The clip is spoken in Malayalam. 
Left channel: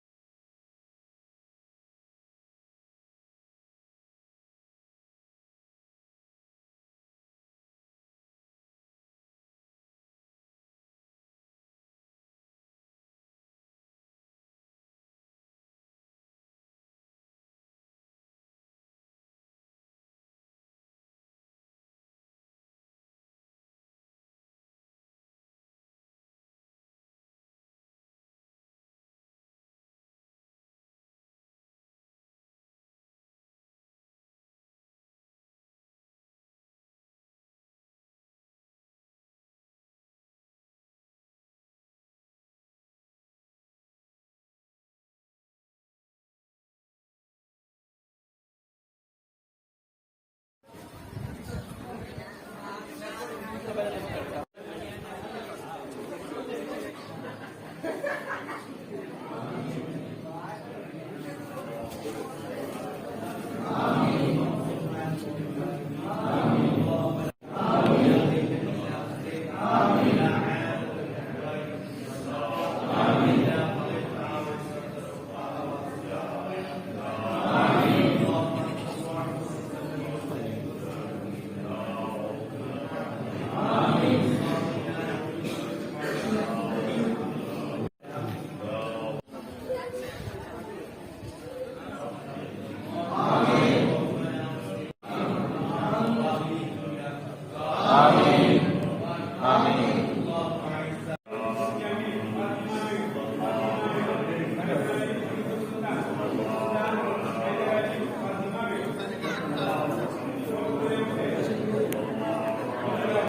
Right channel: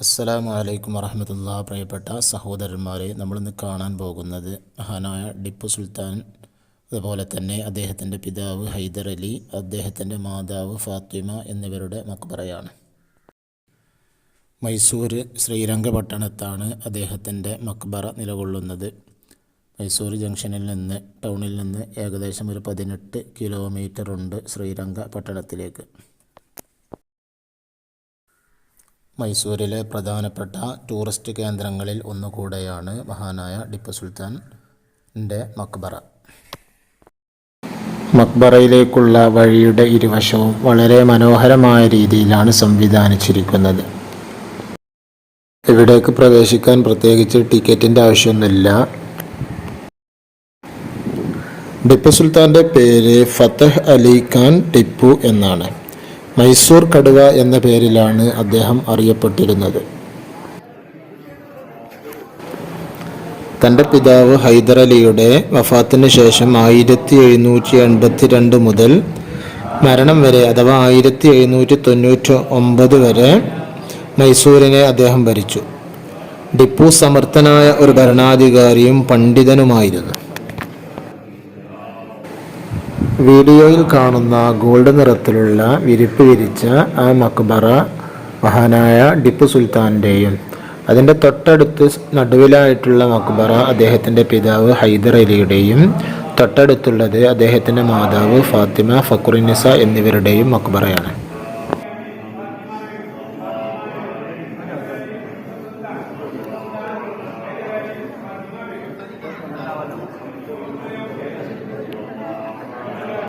അസ്സലാമു അലൈക്കും വറഹമത്തുള്ള പ്രിയപ്പെട്ട സഹോദരന്മാരെ നമ്മളിന്ന് കാണാൻ പോകുന്നത് മഹാനായ ടിപ്പു സുൽത്താൻ അതുപോലെ തന്നെ അദ്ദേഹത്തിന്റെ പിതാവ് ഹൈദർ അലി അദ്ദേഹത്തിന്റെ മാതാവ് ഫാത്തിമ എന്നിവരുടെ മക്ബറയാണ്. മൈസൂർ ശ്രീരംഗപട്ടണത്താണ് അദ്ദേഹത്തിന്റെ മക്ബറ നിലകൊള്ളുന്നത്. മൈസൂർ ജംഗ്ഷനിൽ നിന്ന് ടൗണിൽ നിന്ന് ഏകദേശം ഒരു പതിനെട്ട് കിലോമീറ്റർ ഉണ്ട് ശ്രീരംഗപട്ടണത്തിലേക്ക്. മൈസൂരിലെ പ്രധാനപ്പെട്ട ടൂറിസ്റ്റ് കേന്ദ്രങ്ങളിൽ ഒന്നുകൂടെയാണ് മഹാനായ ടിപ്പു സുൽത്താന്റെ മക്ബറ. മക്ബറയിലേക്കുള്ള വഴിയുടെ ഇരുവശവും വളരെ മനോഹരമായ രീതിയിലാണ് സംവിധാനിച്ചിരിക്കുന്നത്. ഇവിടേക്ക് പ്രവേശിക്കാൻ പ്രത്യേകിച്ച് ടിക്കറ്റിന്റെ ആവശ്യമൊന്നുമില്ല. ടിപ്പു സുൽത്താന്റെ പേര് ഫത്തഹ് അലി ഖാൻ ടിപ്പു എന്നാണ്. മൈസൂർ കടുവ എന്ന പേരിലാണ് അദ്ദേഹം അറിയപ്പെട്ടിരുന്നത്. തന്റെ പിതാവ് ഹൈദരലിയുടെ വഫാത്തിന് ശേഷം ആയിരത്തി എഴുന്നൂറ്റി എൺപത്തി രണ്ട് മുതൽ മരണം വരെ അഥവാ ആയിരത്തി എഴുന്നൂറ്റി തൊണ്ണൂറ്റി ഒമ്പത് വരെ മൈസൂരിനെ അദ്ദേഹം ഭരിച്ചു. ടിപ്പു സമർത്ഥനായ ഒരു ഭരണാധികാരിയും പണ്ഡിതനുമായിരുന്നു. വീഡിയോയിൽ കാണുന്ന ഗോൾഡ് നിറത്തിലുള്ള വിരിപ്പ് വിരിച്ച ആ മക്ബറ മഹാനായ ടിപ്പു സുൽത്താന്റെയും അതിന്റെ തൊട്ടടുത്ത് നടുവിലായിട്ടുള്ള മക്ബറ അദ്ദേഹത്തിന്റെ പിതാവ് ഹൈദർ അലിയുടെയും തൊട്ടടുത്തുള്ളത് അദ്ദേഹത്തിന്റെ മാതാവ് ഫാത്തിമ ഫക്രുനിസ എന്നിവരുടെയും മക്ബറയാണ്.